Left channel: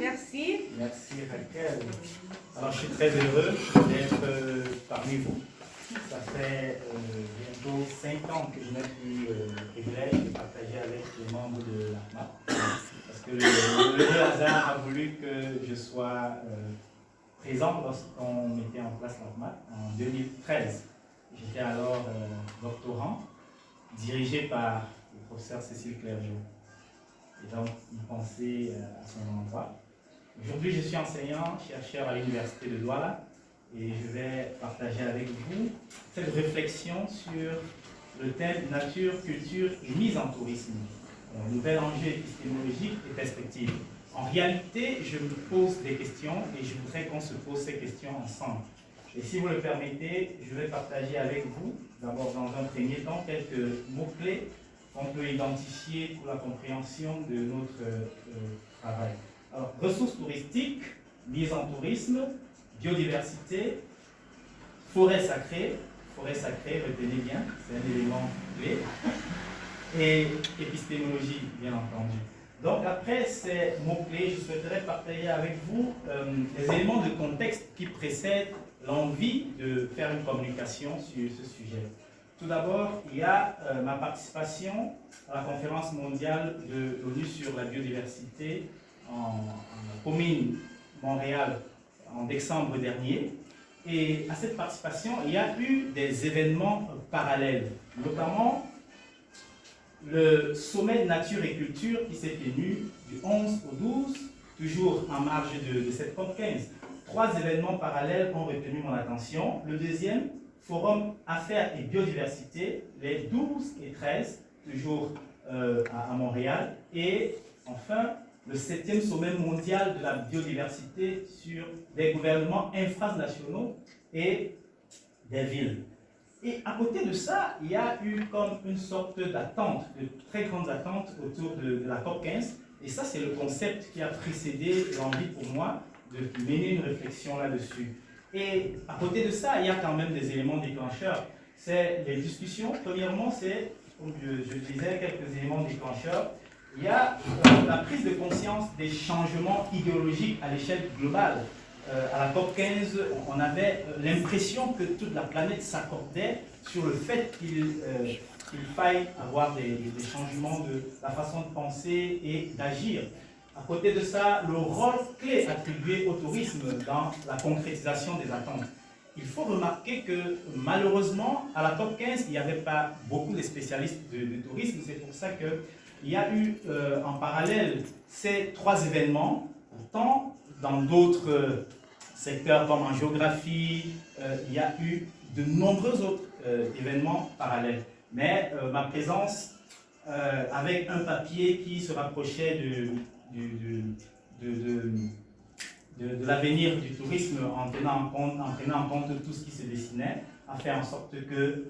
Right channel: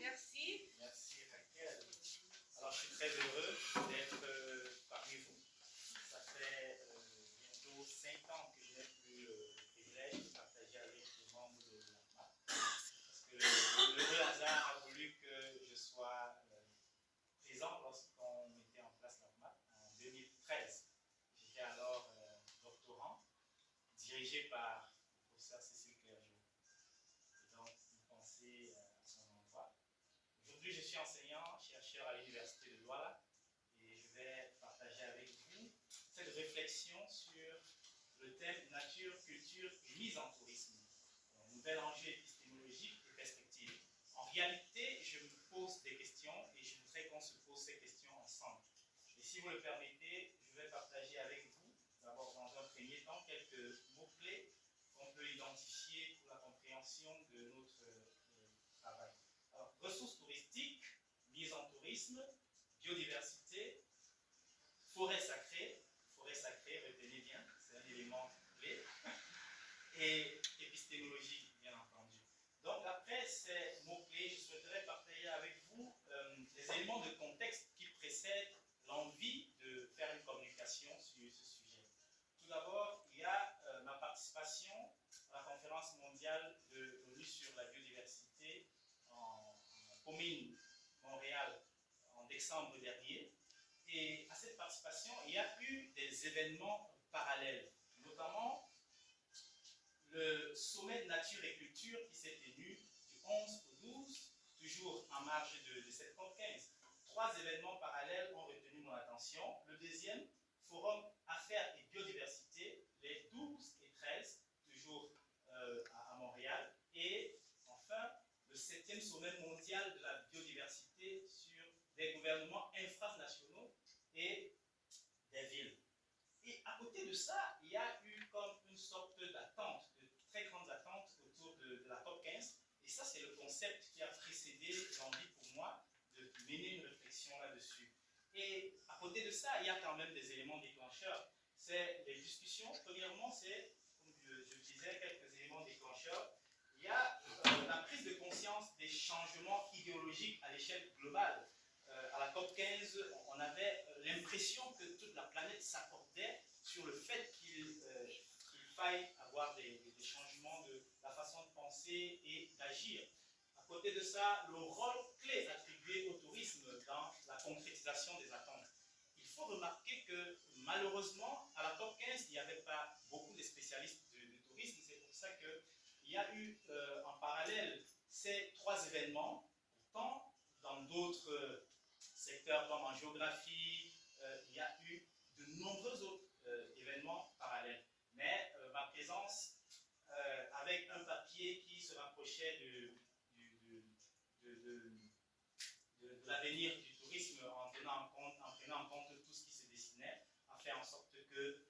merci. Merci Raquel. Alors je suis très heureux d'être parmi vous. Ça fait bientôt 5 ans que je n'ai plus le privilège de partager avec les membres de l'AFMA. Parce que le hasard a voulu que je sois présent lorsqu'on mettait en place l'AFMA en 2013. J'étais alors doctorant, dirigé par le professeur Cécile Clergeau. Et donc, il pensait à son endroit. Aujourd'hui, je suis enseignant, chercheur à l'université de Douala et je vais partager avec vous cette réflexion sur le thème nature, culture et mise en tourisme. Nouvel enjeu épistémologique et perspective. En réalité, je me pose des questions et je voudrais qu'on se pose ces questions ensemble. Et si vous le permettez, je vais partager avec vous, d'abord dans un premier temps, quelques mots-clés qu'on peut identifier pour la compréhension de notre travail. Alors, ressources touristiques, mise en tourisme, biodiversité, forêt sacrée, retenez bien, c'est un élément clé, et épistémologie, bien entendu. Donc, après ces mots-clés, je souhaiterais partager avec vous les éléments de contexte qui précèdent l'envie de faire une communication sur ce sujet. Tout d'abord, il y a ma participation à la conférence mondiale de l'ONU sur la biodiversité en Comines, Montréal, en décembre dernier. Et à cette participation, il y a eu des événements parallèles, notamment le sommet de nature et culture qui s'est tenu du 11 au 12, toujours en marge de cette COP15. 3 événements parallèles ont retenu mon attention. Le deuxième, Forum Affaires et Biodiversité, les 12 et 13, toujours à Montréal. Et enfin, le 7e sommet mondial de la biodiversité sur des gouvernements infranationaux et des villes. Et à côté de ça, il y a eu comme une sorte d'attente, de très grandes attentes autour de la COP15. Et ça, c'est le concept qui a précédé l'envie pour moi de mener une réflexion là-dessus. Et à côté de ça, il y a quand même des éléments déclencheurs. C'est les discussions. Premièrement, c'est, comme je disais, quelques éléments déclencheurs. Il y a la prise de conscience des changements idéologiques à l'échelle globale. À la COP15, on avait l'impression que toute la planète s'accordait sur le fait qu'il faille avoir des changements de la façon de penser et d'agir. À côté de ça, le rôle clé attribué au tourisme dans la concrétisation des attentes. Il faut remarquer que malheureusement, à la COP15, il n'y avait pas beaucoup de spécialistes de tourisme. C'est pour ça qu'il y a eu en parallèle ces 3 événements. Pourtant, dans d'autres secteurs comme en géographie, il y a eu de nombreux autres événements parallèles. Mais ma présence avec un papier qui se rapprochait de l'avenir du tourisme en prenant en compte tout ce qui se dessinait, a fait en sorte que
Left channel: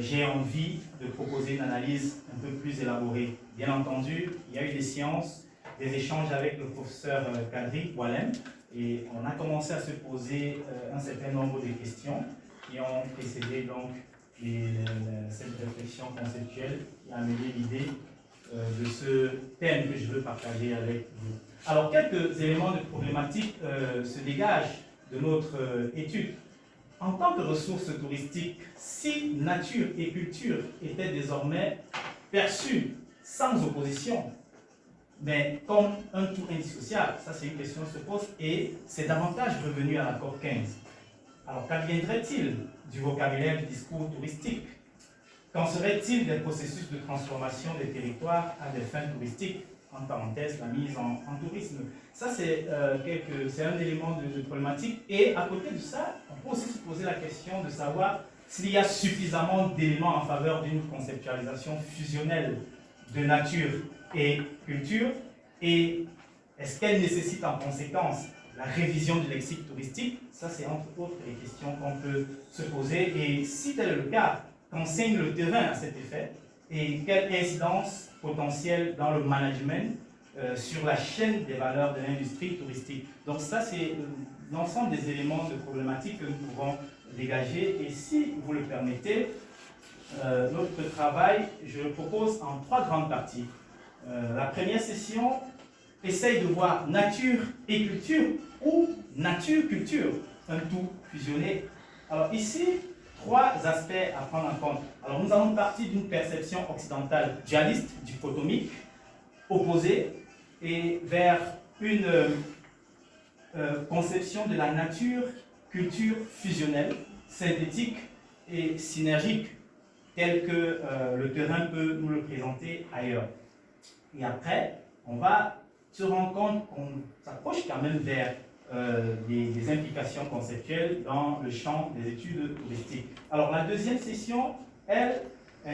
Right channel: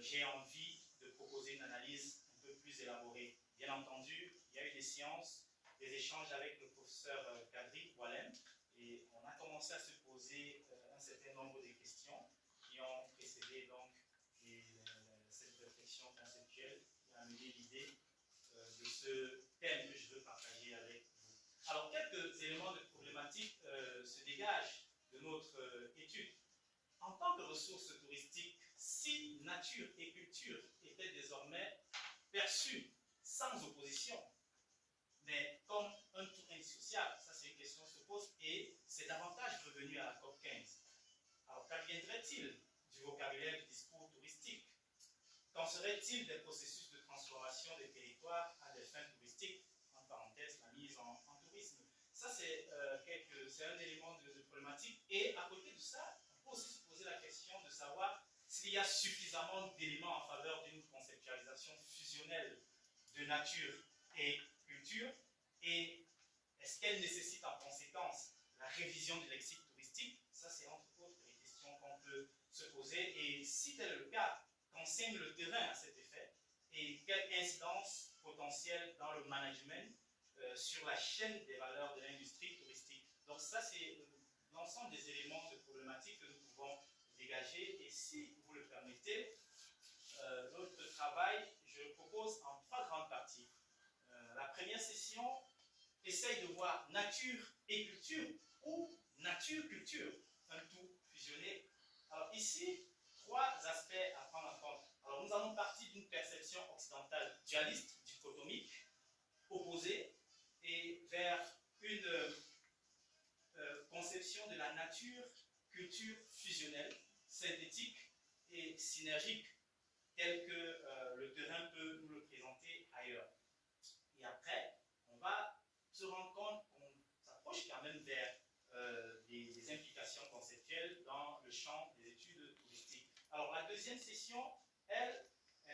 j'ai envie de proposer une analyse un peu plus élaborée. Bien entendu, il y a eu des séances, des échanges avec le professeur Kadri Walem, et on a commencé à se poser un certain nombre de questions qui ont précédé donc cette réflexion conceptuelle qui a amené l'idée de ce thème que je veux partager avec vous. Alors, quelques éléments de problématique se dégagent de notre étude. En tant que ressource touristique, si nature et culture étaient désormais perçues sans opposition, mais comme un tout indissociable, ça c'est une question qui se pose, et c'est davantage revenu à la COP15. Alors, qu'adviendrait-il du vocabulaire du discours touristique? Qu'en serait-il des processus de transformation des territoires à des fins touristiques? En parenthèse, la mise en tourisme. Ça, c'est un élément de problématique. Et à côté de ça, on peut aussi se poser la question de savoir s'il y a suffisamment d'éléments en faveur d'une conceptualisation fusionnelle de nature et culture, et est-ce qu'elle nécessite en conséquence la révision du lexique touristique? Ça, c'est entre autres les questions qu'on peut se poser. Et si tel est le cas, qu'enseigne le terrain à cet effet? Et quelle incidence potentielle dans le management sur la chaîne des valeurs de l'industrie touristique? Donc ça, c'est l'ensemble des éléments de problématique que nous pouvons dégager. Et si vous le permettez, notre travail, je le propose en 3 grandes parties. La première session essaye de voir nature et culture ou nature-culture, un tout fusionné. Alors ici, trois aspects à prendre en compte. Alors nous allons partir d'une perception occidentale dualiste, dichotomique, opposée, et vers une conception de la nature-culture fusionnelle, synthétique et synergique, tel que le terrain peut nous le présenter ailleurs. Et après, on va se rendre compte qu'on s'approche quand même vers des implications conceptuelles dans le champ des études touristiques. Alors la deuxième session, elle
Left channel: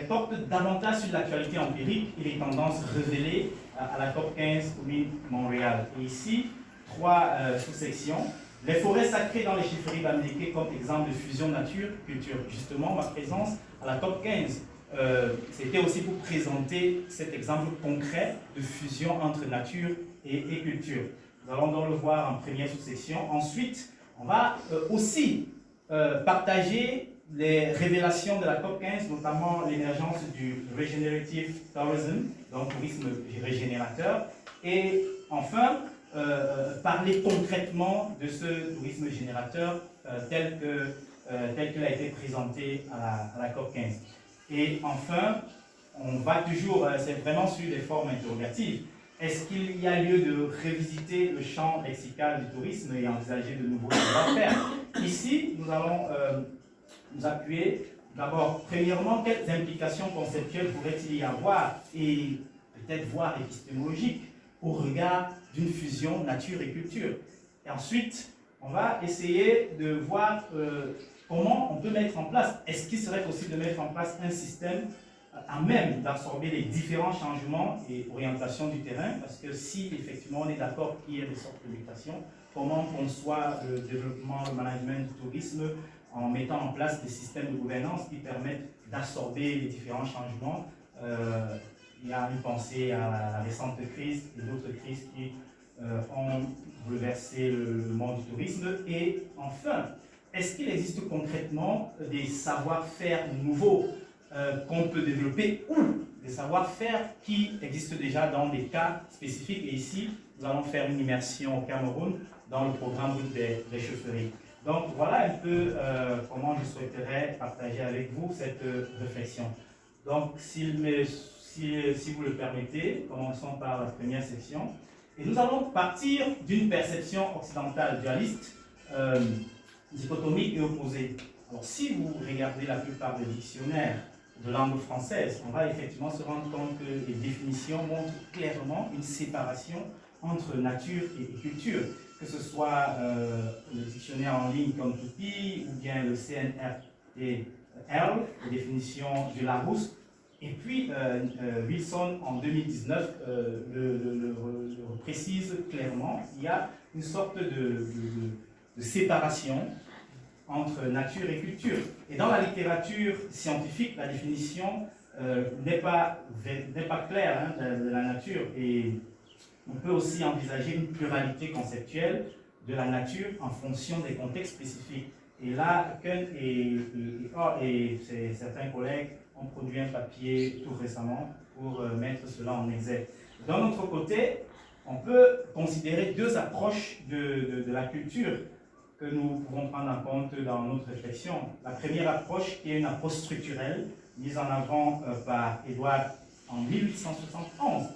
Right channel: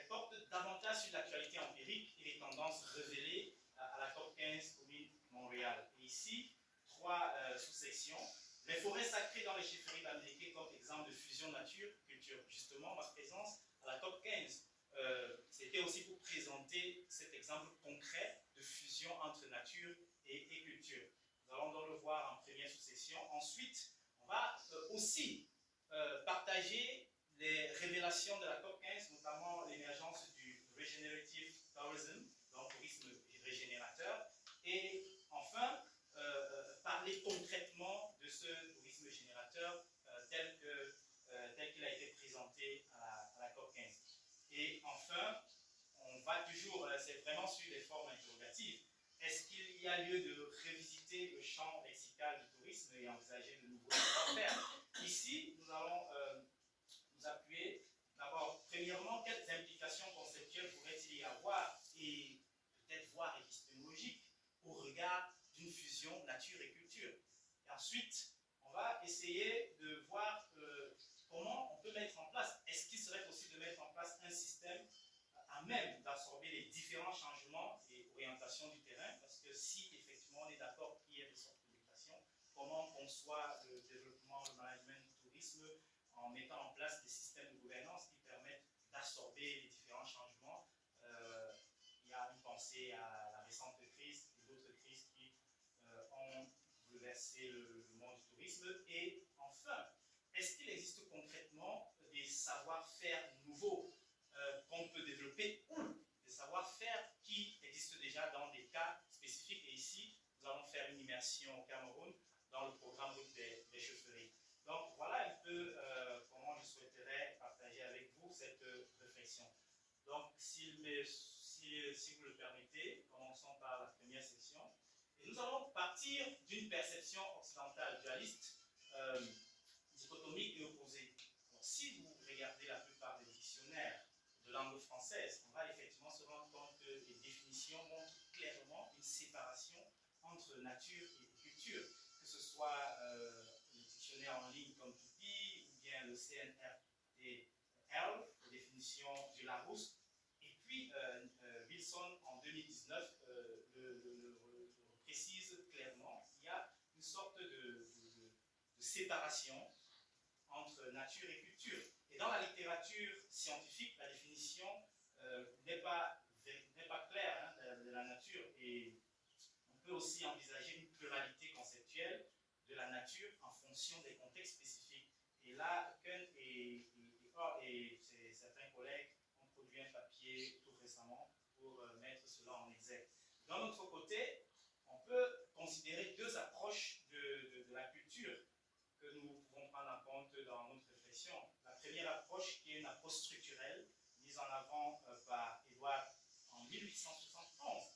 porte davantage sur l'actualité empirique et les tendances révélées à la COP 15 au Montréal. Et ici, trois sous-sections. Les forêts sacrées dans les Chiffres américains comme exemple de fusion nature-culture. Justement, ma présence à la COP 15, c'était aussi pour présenter cet exemple concret de fusion entre nature et culture. Nous allons donc le voir en première sous-section. Ensuite, on va aussi partager les révélations de la COP 15, notamment l'émergence du Regenerative Tourism, donc tourisme régénérateur, et enfin, parler concrètement de ce tourisme générateur tel qu'il a été présenté à la COP 15. Et enfin, on va toujours, c'est vraiment sur des formes interrogatives. Est-ce qu'il y a lieu de révisiter le champ lexical du tourisme et envisager de nouveaux savoir-faire? Ici, nous allons nous appuyer d'abord, premièrement, quelles implications conceptuelles pourrait-il y avoir et peut-être voire épistémologiques au regard d'une fusion nature et culture. Et ensuite, on va essayer de voir comment on peut mettre en place, est-ce qu'il serait possible de mettre en place un système à même d'absorber les différents changements et orientations du terrain, parce que si effectivement on est d'accord qu'il y a des sortes de mutations, comment on conçoit le développement, le management du tourisme en mettant en place des systèmes de gouvernance qui permettent d'absorber les différents changements. Il y a une pensée à la récente crise et d'autres crises qui ont bouleversé le monde du tourisme. Et enfin, est-ce qu'il existe concrètement des savoir-faire nouveaux qu'on peut développer ou des savoir-faire qui existent déjà dans des cas spécifiques? Et ici, nous allons faire une immersion au Cameroun dans le programme des chaufferies. Donc voilà un peu comment je souhaiterais partager avec vous cette réflexion. Donc si vous le permettez, commençons par la première section. Et nous allons partir d'une perception occidentale dualiste, dichotomique et opposée. Alors si vous regardez la plupart des dictionnaires de langue française, on va effectivement se rendre compte que les définitions montrent clairement une séparation entre nature et culture, que ce soit le dictionnaire en ligne comme Tupi ou bien le CNRTL, les définitions de Larousse. Et puis, Wilson, en 2019, le précise clairement, il y a une sorte de séparation entre nature et culture. Et dans la littérature scientifique, la définition n'est pas claire de la nature. Et on peut aussi envisager une pluralité conceptuelle de la nature en fonction des contextes spécifiques. Et là, Kuhn et certains collègues ont produit un papier tout récemment pour mettre cela en exergue. D'un autre côté, on peut considérer deux approches de la culture que nous pouvons prendre en compte dans notre réflexion. La première approche qui est une approche structurelle, mise en avant par Edward en 1871,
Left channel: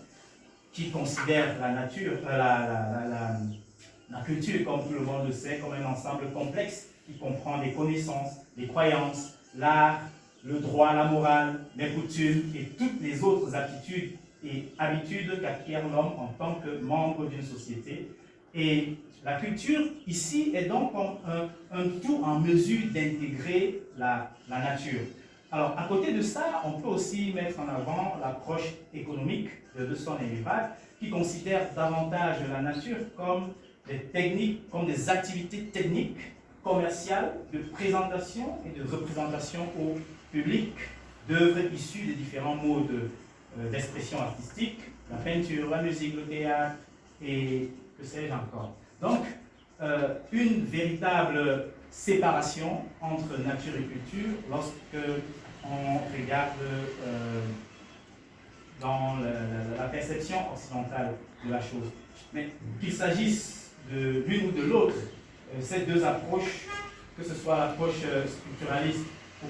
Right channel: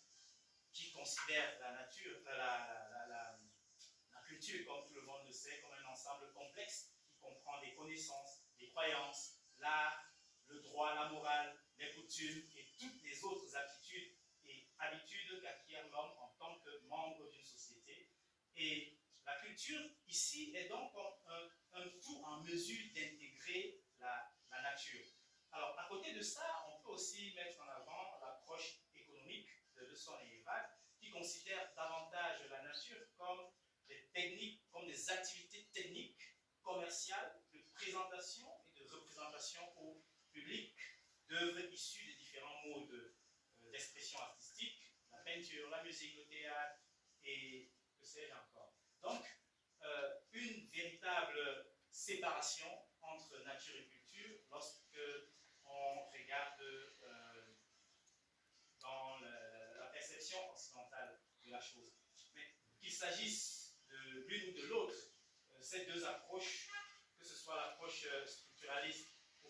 qui considère la nature, la culture, comme tout le monde le sait, comme un ensemble complexe qui comprend des connaissances, des croyances, l'art, le droit, la morale, les coutumes et toutes les autres aptitudes et habitudes qu'acquiert l'homme en tant que membre d'une société. Et la culture, ici, est donc un tout en mesure d'intégrer la nature. Alors, à côté de ça, on peut aussi mettre en avant l'approche économique de Dawson et Rivard, qui considère davantage la nature comme des techniques, comme des activités techniques, commerciales, de présentation et de représentation au public d'œuvres issues des différents modes d'expression artistique, la peinture, la musique, le théâtre et que sais-je encore. Donc, une véritable séparation entre nature et culture lorsque on regarde dans la perception occidentale de la chose. Mais qu'il s'agisse de l'une ou de l'autre, ces deux approches, que ce soit l'approche structuraliste ou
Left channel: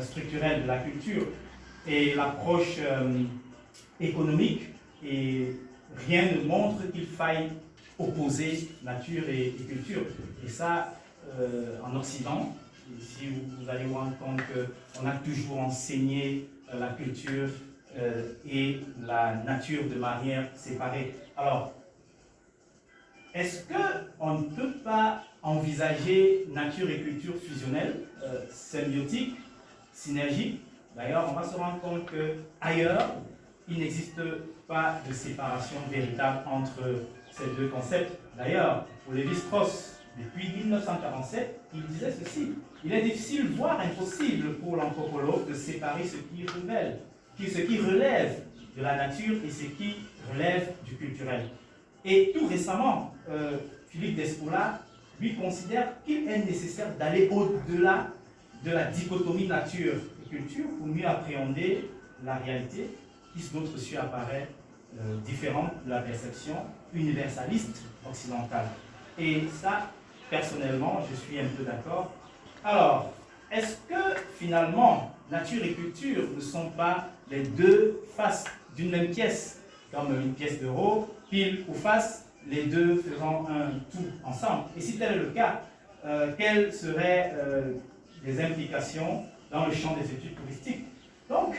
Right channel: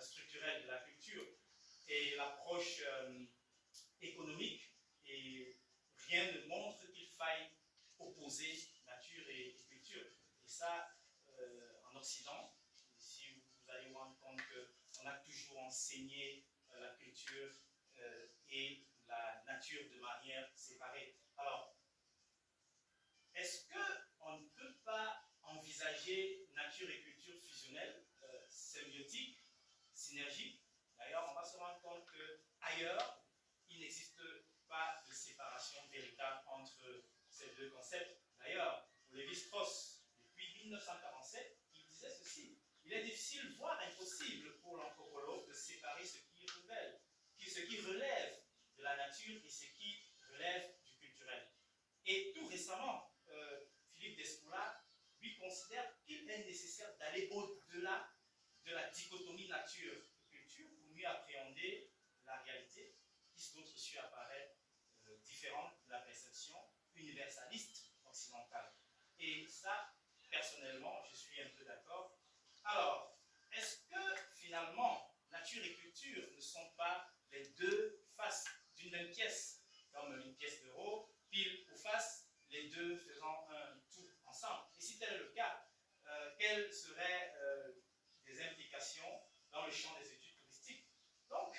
structurelle de la culture et l'approche économique, et rien ne montre qu'il faille opposer nature et culture. Et ça, en Occident, si vous allez vous rendre compte qu'on a toujours enseigné la culture et la nature de manière séparée. Alors, est-ce qu'on ne peut pas envisager nature et culture fusionnelle, symbiotique, synergique? D'ailleurs, on va se rendre compte qu'ailleurs, il n'existe pas de séparation véritable entre ces deux concepts. D'ailleurs, pour Lévi-Strauss, depuis 1947, il disait ceci: il est difficile, voire impossible pour l'anthropologue de séparer ce qui relève de la nature et ce qui relève du culturel. Et tout récemment, Philippe Despoula, lui, considère qu'il est nécessaire d'aller au-delà de la dichotomie nature et culture pour mieux appréhender la réalité qui, sous d'autres cieux, apparaît différente de la perception universaliste occidentale. Et ça, personnellement, je suis un peu d'accord. Alors, est-ce que finalement, nature et culture ne sont pas les deux faces d'une même pièce, comme une pièce d'euro, pile ou face, les deux faisant un tout ensemble? Et si tel est le cas, quelles seraient les implications dans le champ des études touristiques? Donc,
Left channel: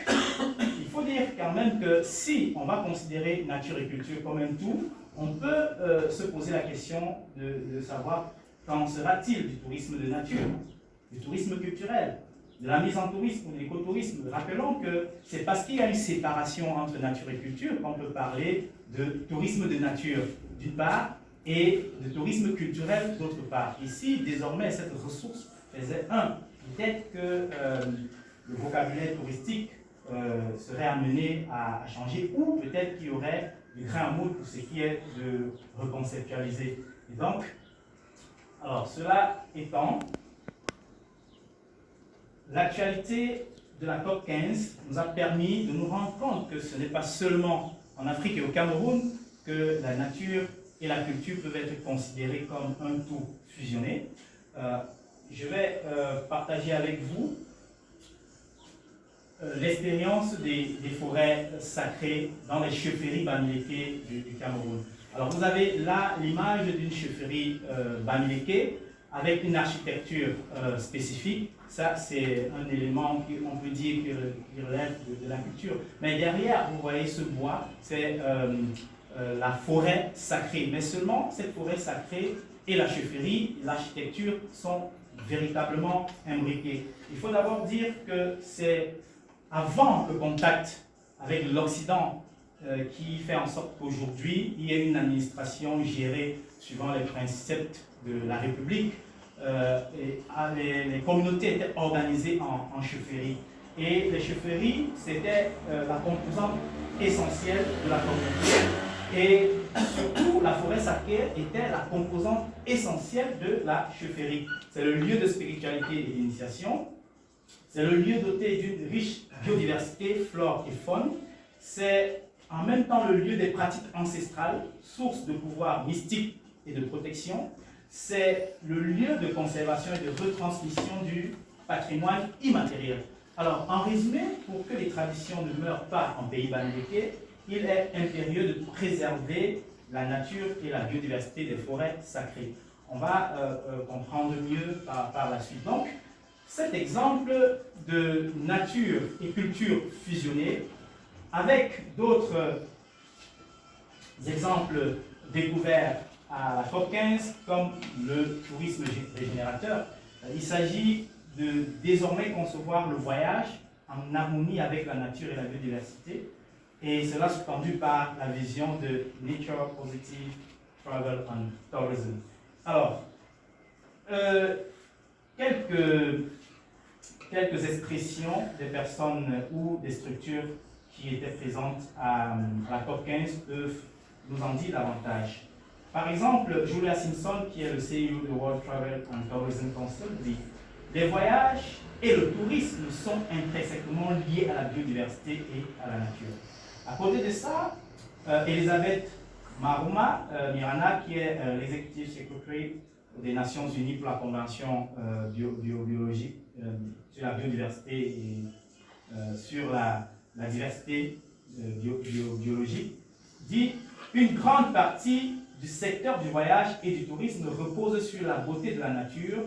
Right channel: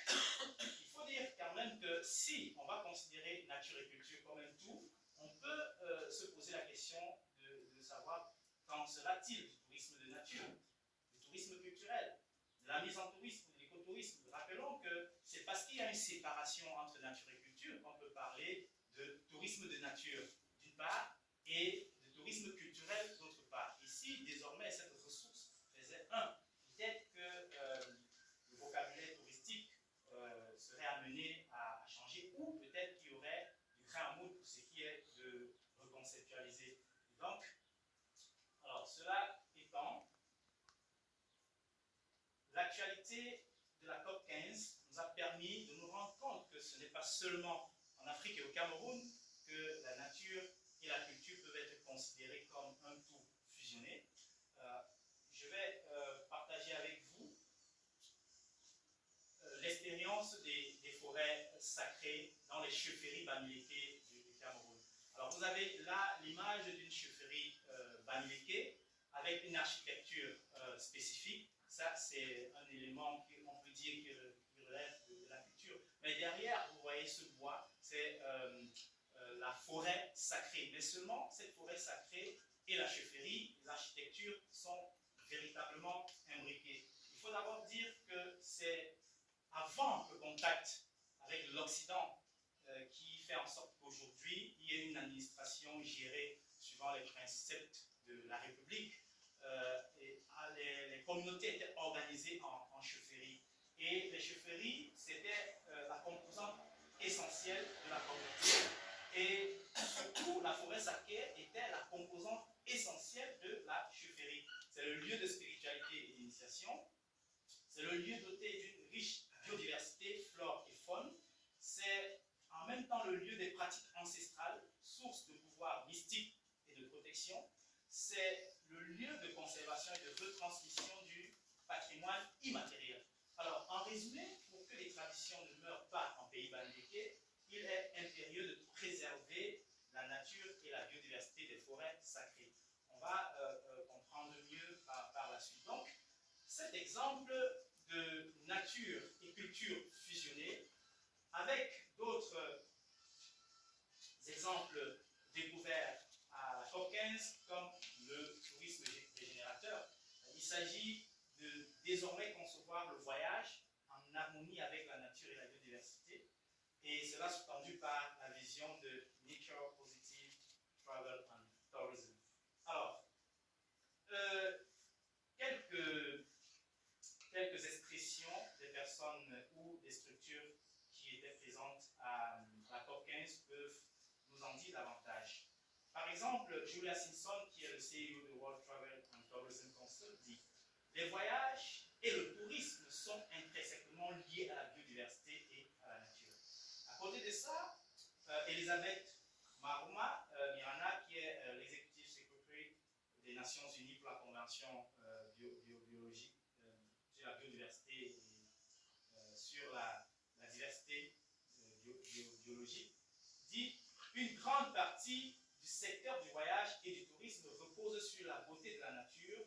il faut dire quand même que si on va considérer nature et culture comme un tout, on peut se poser la question de savoir qu'en sera-t-il du tourisme de nature, du tourisme culturel, de la mise en tourisme ou de l'écotourisme. Rappelons que c'est parce qu'il y a une séparation entre nature et culture qu'on peut parler de tourisme de nature d'une part et de tourisme culturel d'autre part. Ici, désormais, cette ressource faisait un. Peut-être que le vocabulaire touristique serait amené à changer, ou peut-être qu'il y aurait du grain à moudre pour ce qui est de reconceptualiser. Et donc, alors cela étant, l'actualité de la COP 15 nous a permis de nous rendre compte que ce n'est pas seulement en Afrique et au Cameroun que la nature et la culture peuvent être considérées comme un tout fusionné. Je vais partager avec vous l'expérience des forêts sacrées dans les chefferies Bamileke du Cameroun. Alors vous avez là l'image d'une chefferie Bamileke avec une architecture spécifique. Ça, c'est un élément qu'on peut dire qui relève de la culture. Mais derrière, vous voyez ce bois, c'est la forêt sacrée. Mais seulement cette forêt sacrée et la chefferie, l'architecture sont véritablement imbriquées. Il faut d'abord dire que c'est avant le contact avec l'Occident qui fait en sorte qu'aujourd'hui, il y ait une administration gérée suivant les principes de la République. Les communautés étaient organisées en chefferies. Et les chefferies, c'était la composante essentielle de la communauté. Et surtout, la forêt sacrée était la composante essentielle de la chefferie. C'est le lieu de spiritualité et d'initiation. C'est le lieu doté d'une riche biodiversité, flore et faune. C'est en même temps le lieu des pratiques ancestrales, source de pouvoir mystique et de protection. C'est le lieu de conservation et de retransmission du patrimoine immatériel. Alors, en résumé, pour que les traditions ne meurent pas en pays Bamileke, il est impérieux de préserver la nature et la biodiversité des forêts sacrées. On va comprendre mieux par la suite. Donc, cet exemple de nature et culture fusionnée, avec d'autres exemples découverts à la COP 15, comme le tourisme régénérateur, il s'agit de désormais concevoir le voyage en harmonie avec la nature et la biodiversité, et cela sous-tendu par la vision de Nature Positive Travel and Tourism. Alors, quelques expressions des personnes ou des structures qui étaient présentes à la COP 15 peuvent nous en dire davantage. Par exemple, Julia Simpson, qui est le CEO de World Travel and Tourism Council, dit « Les voyages et le tourisme sont intrinsèquement liés à la biodiversité et à la nature ». À côté de ça, Elisabeth Maruma Mirana, qui est l'executive secretary des Nations Unies pour la Convention biologique sur la biodiversité et sur la diversité biologique, dit une grande partie du secteur du voyage et du tourisme repose sur la beauté de la nature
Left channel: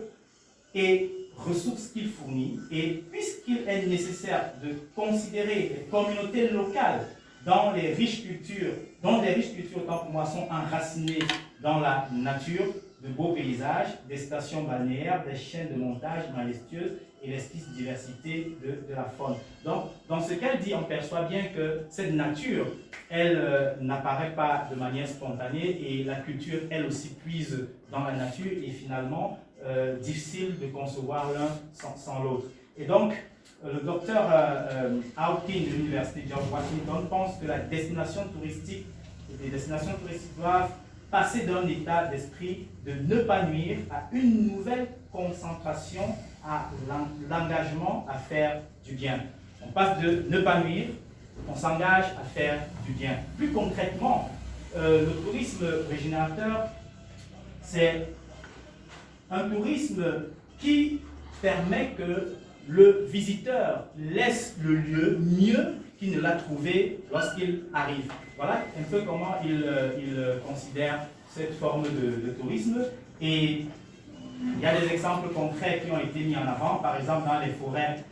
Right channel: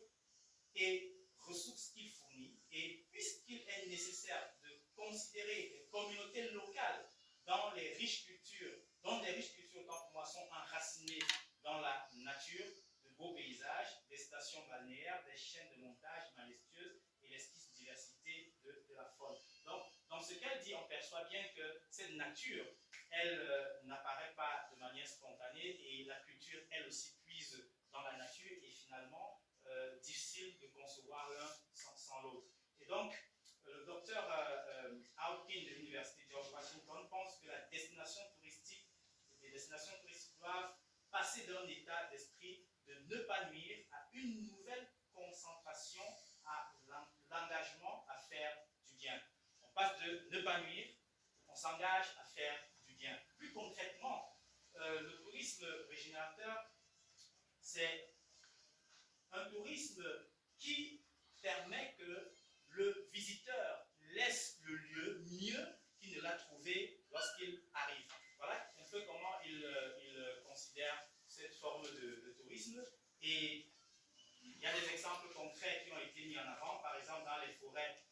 et ressources qu'il fournit, et puisqu'il est nécessaire de considérer les communautés locales dont les riches cultures, autant pour moi, sont enracinées dans la nature, de beaux paysages, des stations balnéaires, des chaînes de montages majestueuses et l'exquise diversité de la faune. Donc, dans ce qu'elle dit, on perçoit bien que cette nature, elle n'apparaît pas de manière spontanée, et la culture, elle aussi, puise dans la nature, et finalement, difficile de concevoir l'un sans l'autre. Et donc, le docteur Hawking de l'Université George Washington pense que les destinations touristiques doivent passer d'un état d'esprit de ne pas nuire à une nouvelle concentration à l'engagement à faire du bien. On passe de ne pas nuire, on s'engage à faire du bien. Plus concrètement, le tourisme régénérateur, c'est un tourisme qui permet que le visiteur laisse le lieu mieux qu'il ne l'a trouvé lorsqu'il arrive. Voilà un peu comment il considère cette forme de tourisme. Et il y a des exemples concrets qui ont été mis en avant, par exemple dans les forêts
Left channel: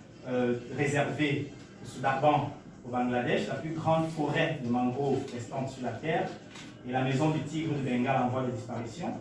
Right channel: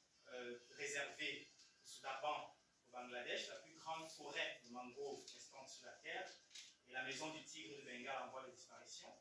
réservées au Sundarban au Bangladesh, la plus grande forêt de mangroves restante sur la Terre, et la maison du tigre de Bengale en voie de disparition.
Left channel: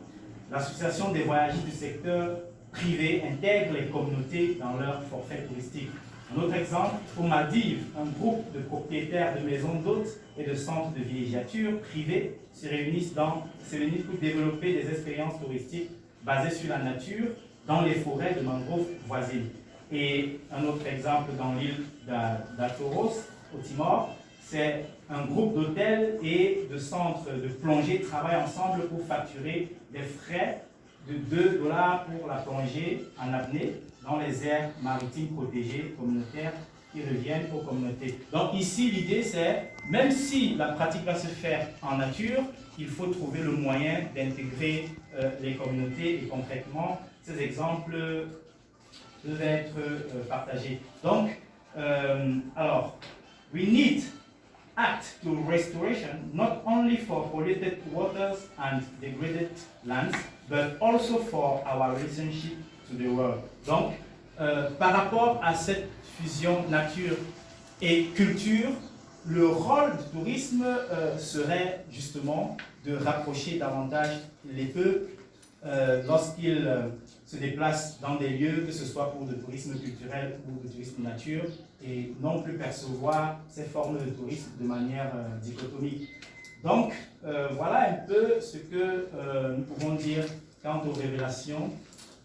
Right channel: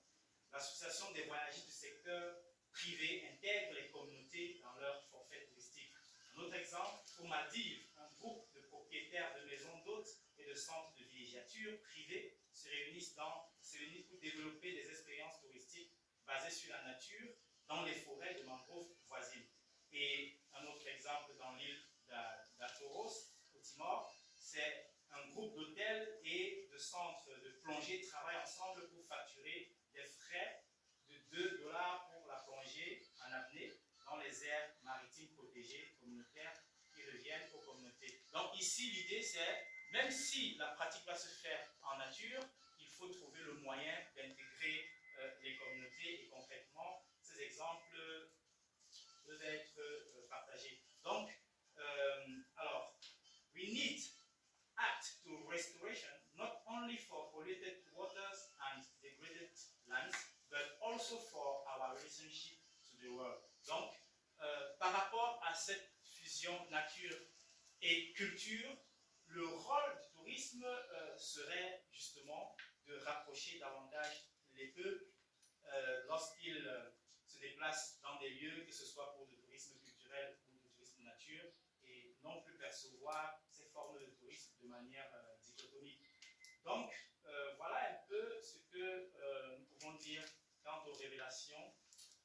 L'association des voyageurs du secteur privé intègre les communautés dans leur forfait touristique. Un autre exemple, aux Maldives, un groupe de propriétaires de maisons d'hôtes et de centres de villégiature privés se réunissent pour développer des expériences touristiques basées sur la nature dans les forêts de mangroves voisines. Et un autre exemple dans l'île d'Atoros, au Timor, c'est un groupe d'hôtels et de centres de plongée travaillent ensemble pour facturer des frais de $2 pour la plongée en apnée dans les aires maritimes protégées communautaires qui reviennent aux communautés. Donc ici, l'idée c'est, même si la pratique va se faire en nature, il faut trouver le moyen d'intégrer les communautés, et concrètement, ces exemples peuvent être partagés. Donc, alors, we need act to restoration not only for polluted waters and degraded lands, but also for our relationship to the world. Donc, par rapport à cette fusion nature et culture, le rôle du tourisme serait justement de rapprocher davantage les peuples lorsqu'ils se déplacent dans des lieux, que ce soit pour le tourisme culturel ou le tourisme nature, et non plus percevoir ces formes de tourisme de manière dichotomique. Donc, voilà un peu ce que nous pouvons dire quant aux révélations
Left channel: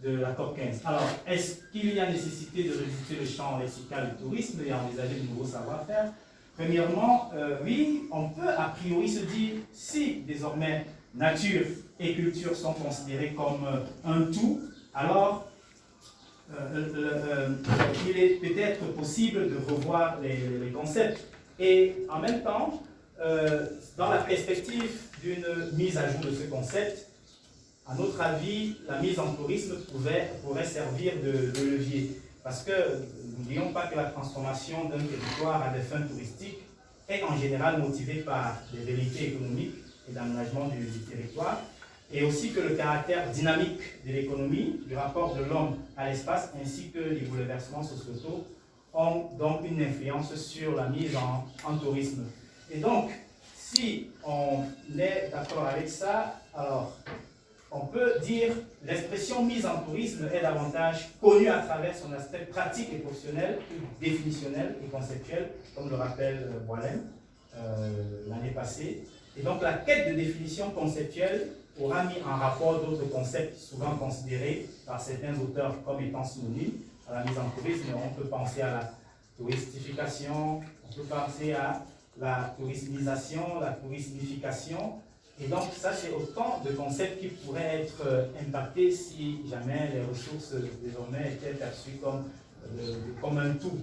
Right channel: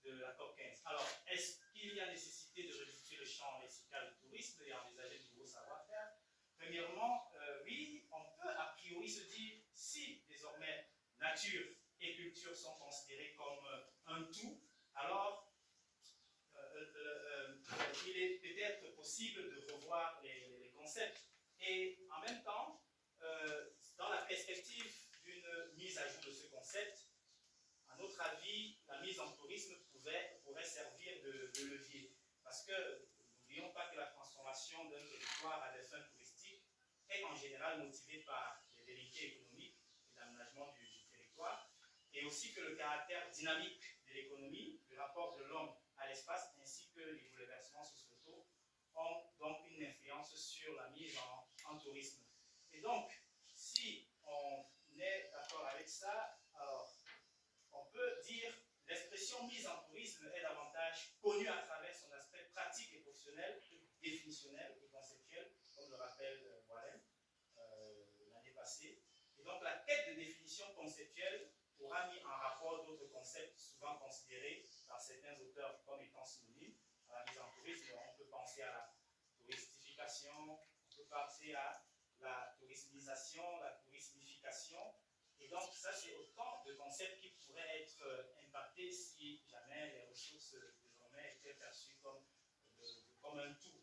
de la COP15. Alors, est-ce qu'il y a nécessité de revisiter le champ lexical du tourisme et envisager de nouveaux savoir-faire? Premièrement, oui, on peut a priori se dire, si désormais nature et culture sont considérés comme un tout, alors il est peut-être possible de revoir les concepts. Et en même temps, dans la perspective d'une mise à jour de ce concept, à notre avis, la mise en tourisme pourrait servir de levier. Parce que n'oublions pas que la transformation d'un territoire à des fins touristiques est en général motivée par des réalités économiques et d'aménagement du territoire, et aussi que le caractère dynamique de l'économie, du rapport de l'homme à l'espace, ainsi que les bouleversements sociaux ont donc une influence sur la mise en tourisme. Et donc, si on est d'accord avec ça, alors on peut dire l'expression mise en tourisme est davantage connue à travers son aspect pratique et professionnel, définitionnel et conceptuel, comme le rappelle Boilem l'année passée. Et donc la quête de définition conceptuelle aura mis en rapport d'autres concepts souvent considérés par certains auteurs comme étant synonymes à la mise en tourisme. On peut penser à la touristification, on peut penser à la tourismisation, la tourismification. Et donc ça, c'est autant de concepts qui pourraient être impactés si jamais les ressources désormais étaient perçues comme un tout.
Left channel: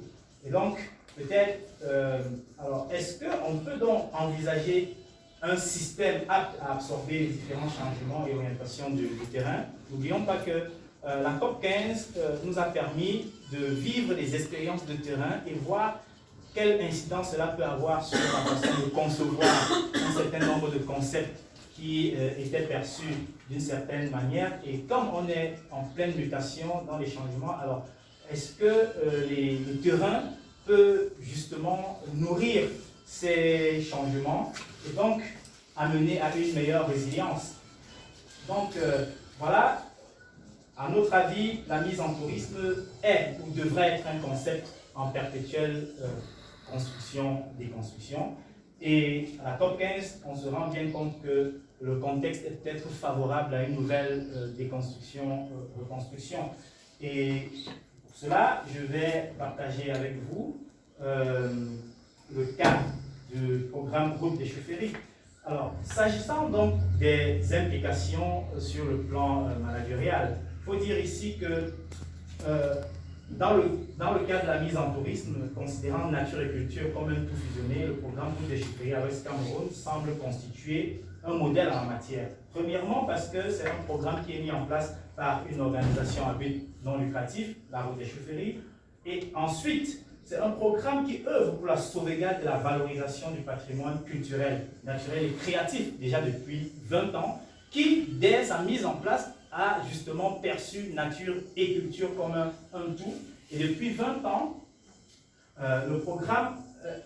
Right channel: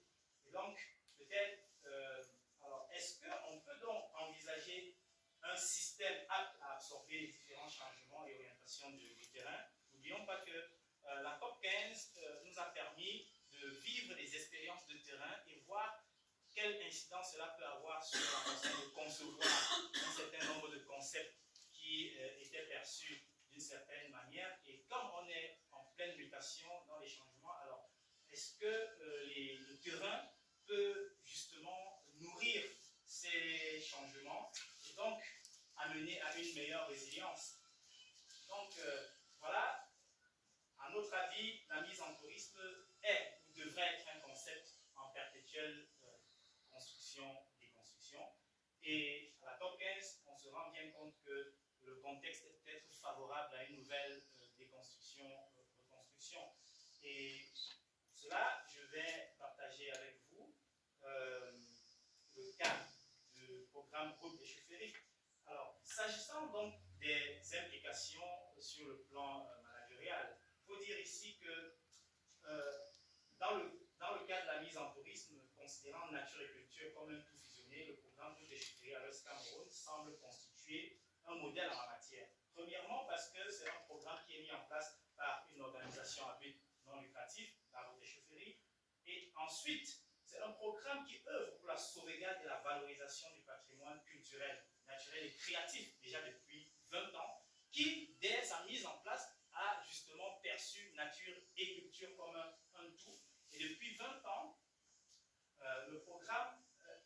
Et donc, peut-être, alors, est-ce qu'on peut donc envisager un système apte à absorber les différents changements et orientations du terrain. N'oublions pas que la COP 15 nous a permis de vivre des expériences de terrain et voir quelle incidence cela peut avoir sur la façon de concevoir un certain nombre de concepts qui étaient perçus d'une certaine manière. Et comme on est en pleine mutation dans les changements, alors est-ce que le terrain peut justement nourrir ces changements et donc amener à une meilleure résilience? Donc voilà, à notre avis, la mise en tourisme est ou devrait être un concept en perpétuelle construction, déconstruction. Et à la COP 15, on se rend bien compte que le contexte est peut-être favorable à une nouvelle déconstruction, reconstruction. Et pour cela, je vais partager avec vous le cas du programme Groupe des Chefferies. Alors, s'agissant donc des implications sur le plan managérial, il faut dire ici que dans le cadre de la mise en tourisme, considérant nature et culture comme un tout fusionné, le programme Groupe des Chefferies à l'Ouest Cameroun semble constituer un modèle en la matière. Premièrement, parce que c'est un programme qui est mis en place par une organisation à but non lucratif, la Route des Chefferies, et ensuite, c'est un programme qui œuvre pour la sauvegarde et la valorisation du patrimoine culturel, naturel et créatif, déjà depuis 20 ans, qui, dès sa mise en place, a justement perçu nature et culture comme un tout. Et depuis 20 ans, le programme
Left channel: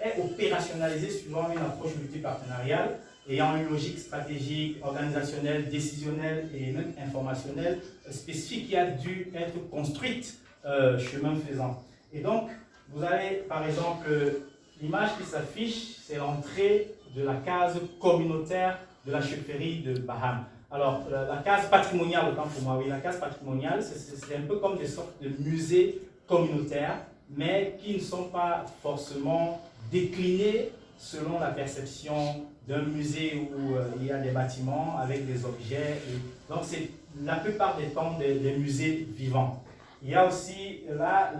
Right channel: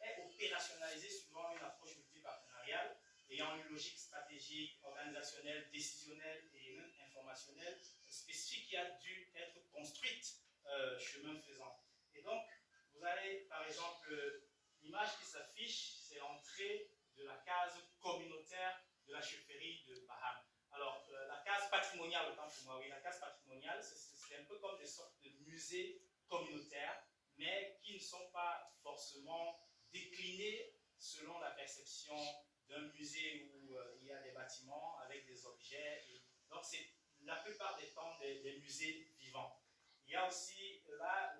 est opérationnalisé suivant une approche multipartenariale, ayant une logique stratégique, organisationnelle, décisionnelle et même informationnelle spécifique qui a dû être construite chemin faisant. Et donc, vous avez par exemple l'image qui s'affiche, c'est l'entrée de la case communautaire de la chefferie de Baham. Alors, la case patrimoniale, autant pour moi, oui, la case patrimoniale, c'est un peu comme des sortes de musées communautaires, mais qui ne sont pas forcément déclinés selon la perception d'un musée où il y a des bâtiments avec des objets. Donc, c'est la plupart des temps des musées vivants. Il y a aussi là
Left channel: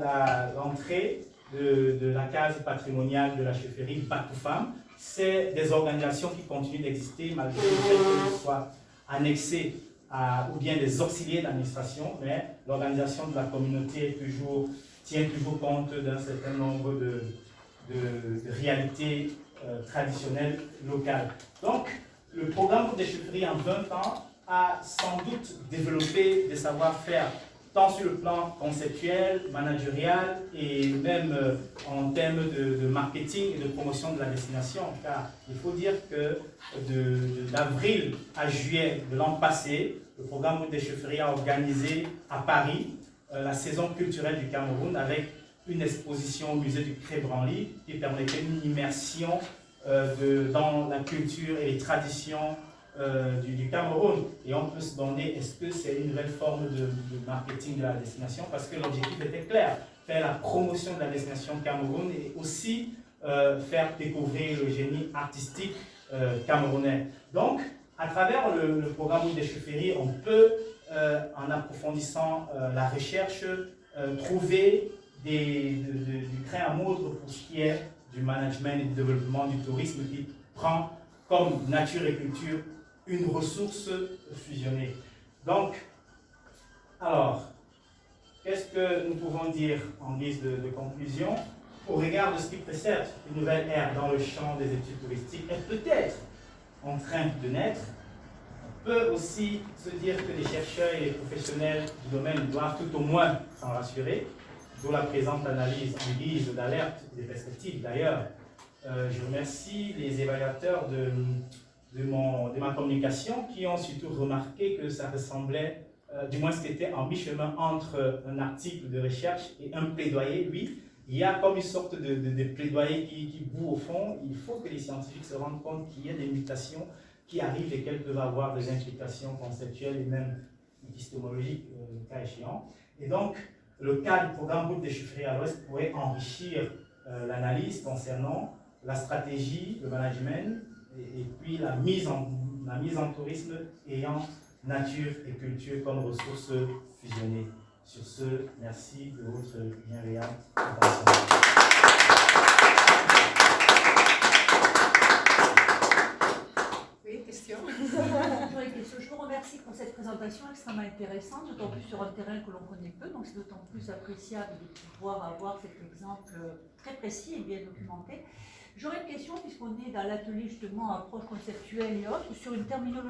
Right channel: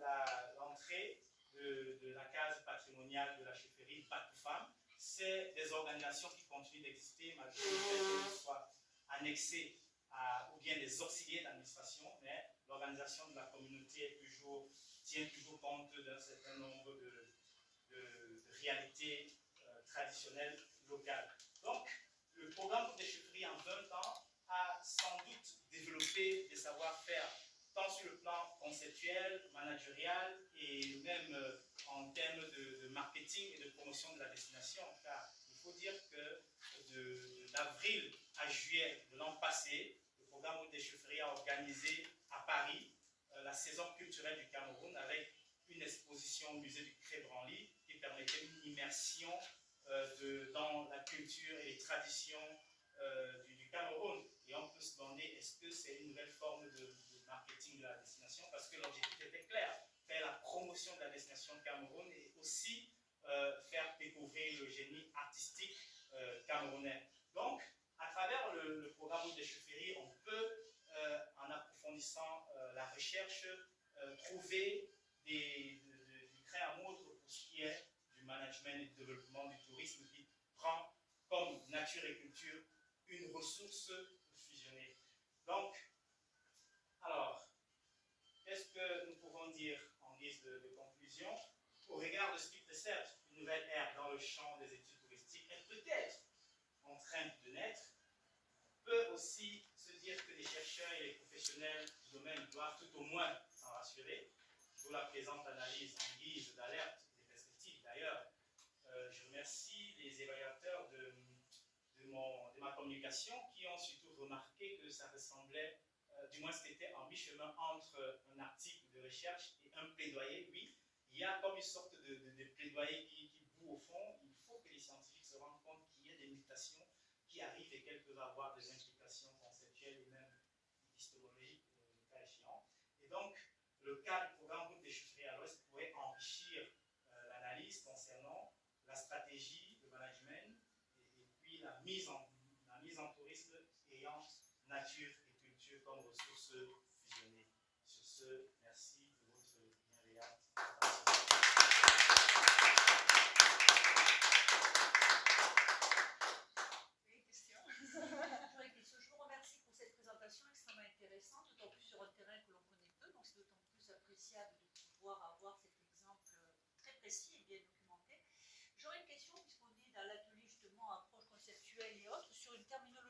l'entrée de la case patrimoniale de la chefferie Batoufam. C'est des organisations qui continuent d'exister malgré le fait qu'elles soient annexées ou bien des auxiliaires d'administration, mais l'organisation de la communauté tient toujours compte d'un certain nombre de réalités traditionnelles locales. Donc, le programme des chefferies en 20 ans a sans doute développé des savoir-faire tant sur le plan conceptuel, managérial et même en termes de marketing et de promotion de la destination. Car il faut dire que d'avril à juillet de l'an passé, le programme des chefferies a organisé à Paris la saison culturelle du Cameroun avec une exposition au musée du Cré-Branly qui permettait une immersion dans la culture et les traditions du Cameroun. Et on peut se demander, est-ce que c'est une nouvelle forme de marketing de la destination? Parce que l'objectif était clair, faire la promotion de la destination Cameroun et aussi faire découvrir le génie artistique camerounais. Donc, à travers le programme des chefferies, on peut, en approfondissant la recherche, trouver du grain à moudre pour ce qui est du management et du développement du tourisme qui prend comme nature et culture une ressource fusionnée. Donc, alors, qu'est-ce que nous pouvons dire en guise de conclusion? Au regard de ce qui précède, une nouvelle ère dans le champ des études touristiques est peut-être en train de naître. On peut aussi se dire que les chercheurs et les professionnels du domaine doivent tout au moins s'en rassurer, d'où la présente analyse en guise d'alerte des perspectives. D'ailleurs, je remercie les évaluateurs de ma communication qui ont surtout remarqué que ça ressemblait, du moins c'était en mi-chemin entre un article de recherche et un plaidoyer. Oui, il y a comme une sorte de plaidoyer qui bout au fond. Il faut que les scientifiques se rendent compte qu'il y a des mutations qui arrivent et qu'elles peuvent avoir des implications conceptuelles et même épistémologiques, le cas échéant. Et donc, le cas du programme Groupe des Chefferies à l'Ouest pourrait enrichir l'analyse concernant la stratégie, le management et puis la mise en tourisme ayant nature et culture comme ressources fusionnées. Sur ce, merci de votre bienveillante attention. cette présentation extrêmement intéressante, d'autant plus sur un terrain que l'on connaît peu, donc c'est d'autant plus appréciable de pouvoir avoir cet exemple très précis et bien documenté. J'aurais une question, puisqu'on est dans l'atelier justement approche conceptuelle et autres, sur une terminologie